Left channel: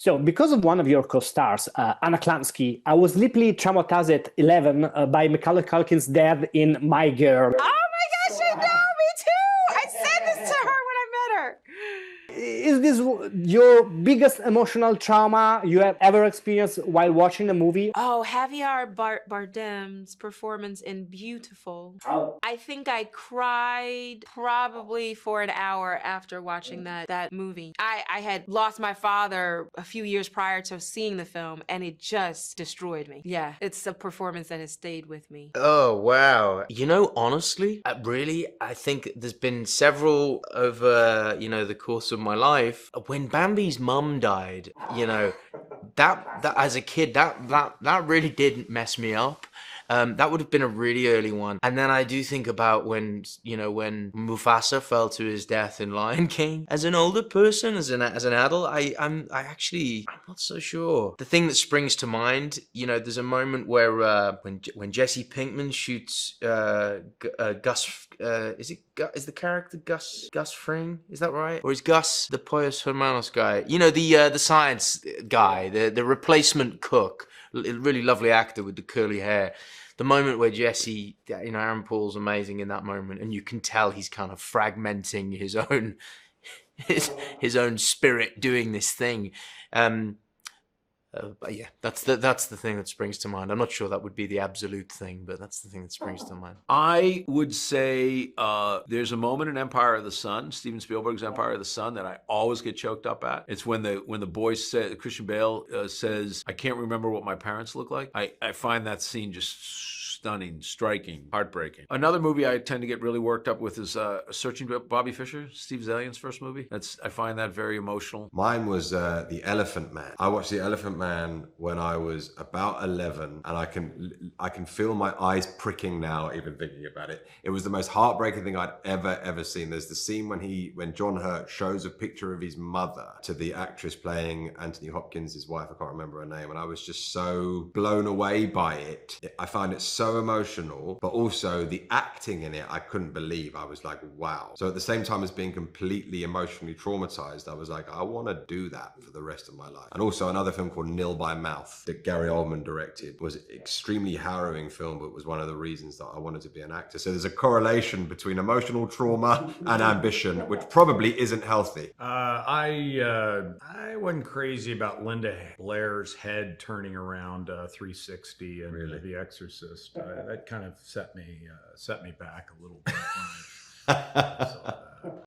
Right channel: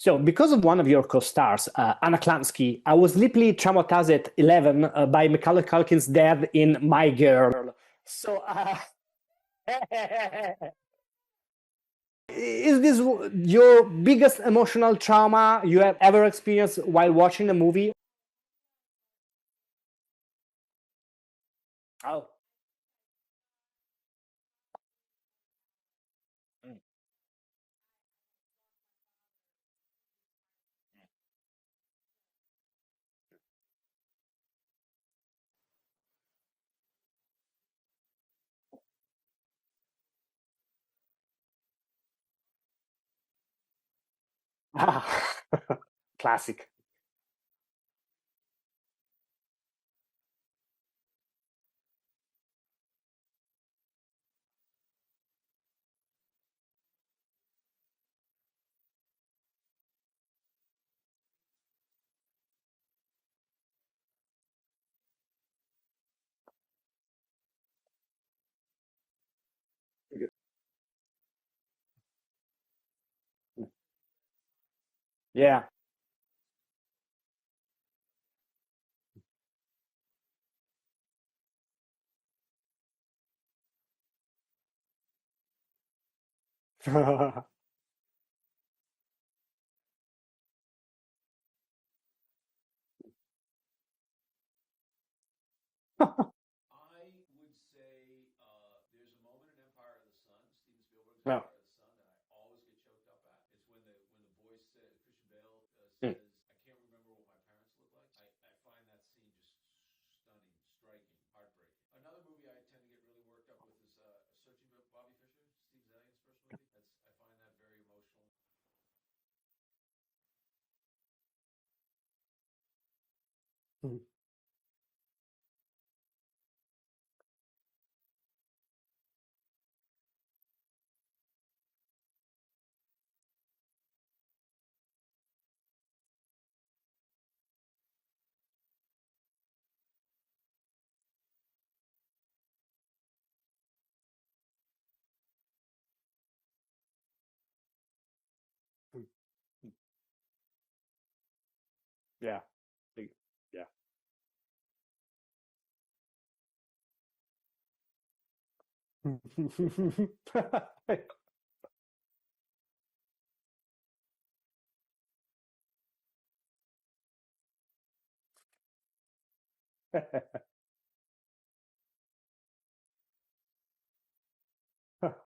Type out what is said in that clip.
So, because of one of your co-stars, Anna Chlansky, I was deeply traumatized at 11 by Macaulay Culkin's death in My Girl. Oh my gosh, I know, me too! I said this to her when I met her. Is this your biggest emotional trauma you have ever experienced while watching the movie? Oh, Javier Bardem's performance in Beautiful. Oh. I think I cried probably for an hour after watching that movie. I had lost my father a few years prior to seeing the film, and it just destroyed me. Yeah, it's a performance that has stayed with me. Oh, wow. You know, honestly, really, I think there's been several over, the course of my life. When Bambi's mum died, that Classic. as a kid, that really did mess me up. That would have been a really early one. And then I do think about when Mufasa fell to his death in Lion King. As an older person, as an adult, I'm not so sure. The thing that springs to mind, there's a moment where when Jesse Pinkman shoots Gus. Is the character Gus Fring? Is that right? Or is Gus the Poyos Hermanos guy? The science guy, the replacement cook, really lovely actor with the curly hair. The moment where Jesse, Aaron Paul's amazing in that moment, and you can tell he's kind of fragmenting his own his own spirit doing this thing. But yeah, that's the thing that springs to mind. I'm not sure that would be the absolute thing, but that's the thing that springs to mind. I would say there's a moment in Empire of the Sun, Steven Spielberg's Empire of the Sun, that I always get choked up at. It's when the boy said, Christian Bale says, "I can't remember what my parents look like." I find that scene just stunning, striking, heartbreaking. Another movie I tend to get really worked up with is Searching Bobby Fischer, Steve Zalian's first movie. I find that very emotional. Mine was The Elephant Man. I watched The Elephant Man when I was about 11, and I can feel my eyes pricking now even thinking about it. It was the most heartbreaking thing I'd ever seen. There's the scene when John Hurt shows a picture of his mother to the actress playing Anthony Hopkins' wife. I can't remember her name, and I was just so blown away by it. I find it so emotional, but also the acting in it, I couldn't believe. I was like, wow. So at the same time as being completely emotionally traumatized, I was like, I want to do that for the rest of my life. And also another film called Nil by Mouth that Gary Oldman directed was an extremely harrowing film, but was one of the reasons that I wanted to be an actor. So there's a correlation between emotional trauma and ambition, which probably isn't healthy. I wasn't crazy about Linda Blair's head turning around 360 and Really? The Exorcist. That kind of set me back a little bit when I saw that.